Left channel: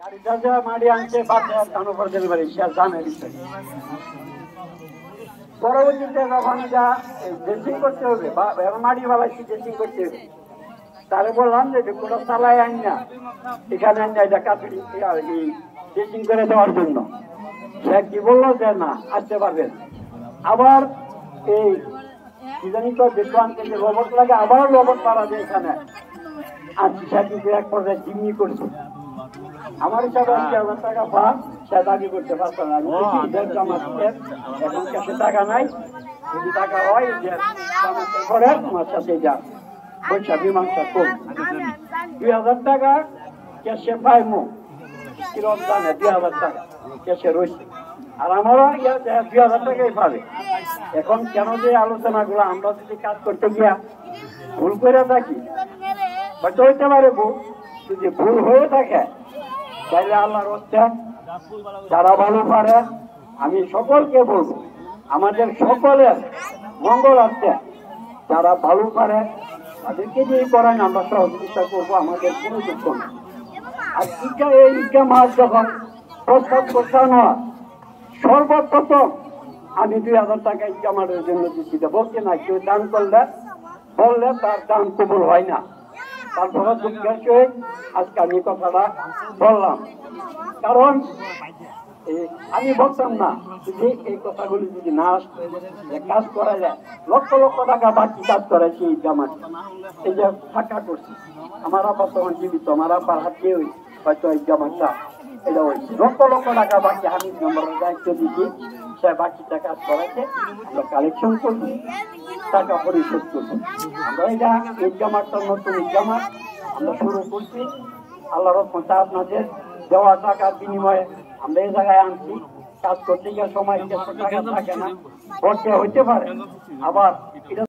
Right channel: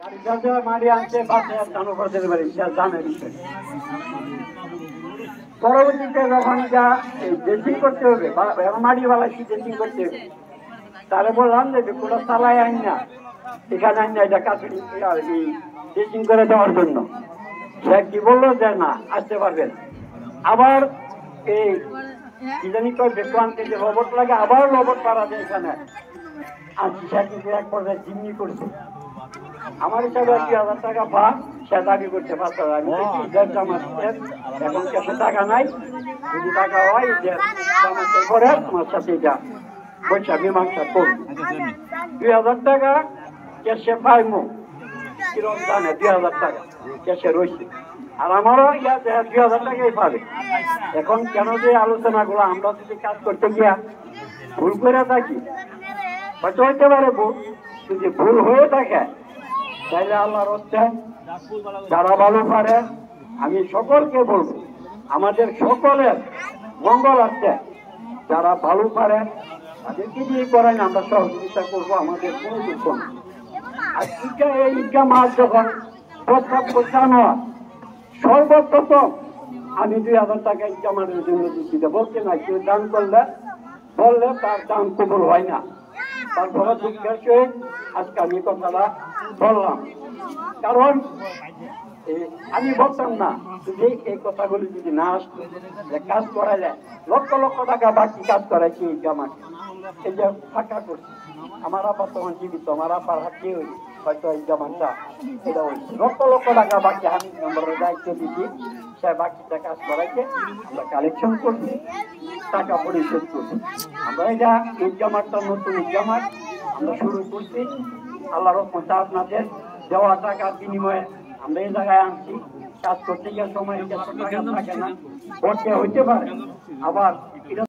গাড়িটা যে মারি আনছে বাসে জানো করে দিতে পারি জানের বিষয়। পরবর্তীতে যখন যা ড্রেসিং করতে হবে বা মাড়িওয়ালা ড্রেসিং করতে হবে, তাহলে বললাম যে কোটা চালায় আইন না, এখানে আইন না, এটা কাছে ড্রেসিং করে দেওয়ার জন্য। সে কি বললো যে না আসতে পারবেন। আবার এই কি জানি তো দেখলাম কিন্তু রোবট লাগে, আবার রোবট পাওয়া যায় এখানে। আজকে সে কিন্তু এক পর্যায়ে জিম্মি করছে। আমার হিসাবে 2,000 টাকা পা সে দাবি করতে পারছে। আমি দেখি জামাতের এখন কাছে টাকা নাই, যদি টাকা হয় যে জামাতের পরে তোমার সাথে যা পয়সা মীমাংসা করুন। 2,000 টাকা ক্যাশে পাইমো কিরম জানে, 2,000 টাকা ক্যাশে রয়েছে। আর আমারও 2,000 টাকাই পাবে। এখন কেন যে আলোচনাগুলো, আমরা যদি কাজ করতে গিয়া ভুল করে থাকি, হয়তো হইতে পারে ভুল, যদি ভুল হয়ে থাকে তাইলে আল্লাহর হচ্ছে যারা ভালো পারে, আমি সকলকে বলবো আমাদের সকলের মঙ্গল আছে, যারা ভালো পারে তাদেরকে দিয়ে করেন, আমরা সহযোগিতা করবো, আমাদের কোনো দুঃখ নেই। আর এই ইজ্ঞা মাস যখন প্রস্তাব করছানো হয়, সর্বপ্রথম আমি 2,000 টাকা ইজ্ঞা মাসের জন্য দিচ্ছি। বলছে না কেউ দান করলে বললে তার দান কবুল হয় না। তারপরে দুঃখের সহিত আজকে আমি কথাটা বললাম, কারণ আমি বলতাম না যদি এই কথাগুলি যদি না আসতো, কাজ করা যায় লক্ষ লক্ষ টাকা বাকি কাজ করাইছি জামাত, এই যে ফাঁকা করছি। আমার আপা তখন জীবিত, আমার আপার হাতে হয়তো এই জামাতটা এটা হয়েছে, লক্ষ লক্ষ টাকা বাকি আমি নম্বরের দায়িত্ব দিচ্ছি, সে বাকিটা কাজ করাইছে, আমরা কালেকশন করছি, টাকা পরিশোধ করছি। আমরা এটা এই জামাতটা নতুন জামাত আমরা শুরু করছি। আল্লাহর রহমতে আপনাদের দেওয়া টাকার বিনিময়ে আমরা এই জায়গায় আনছি। কাজ করতে গিয়ে সময় টাকা থাকে না, বর্ষে হইতে পারে, আবার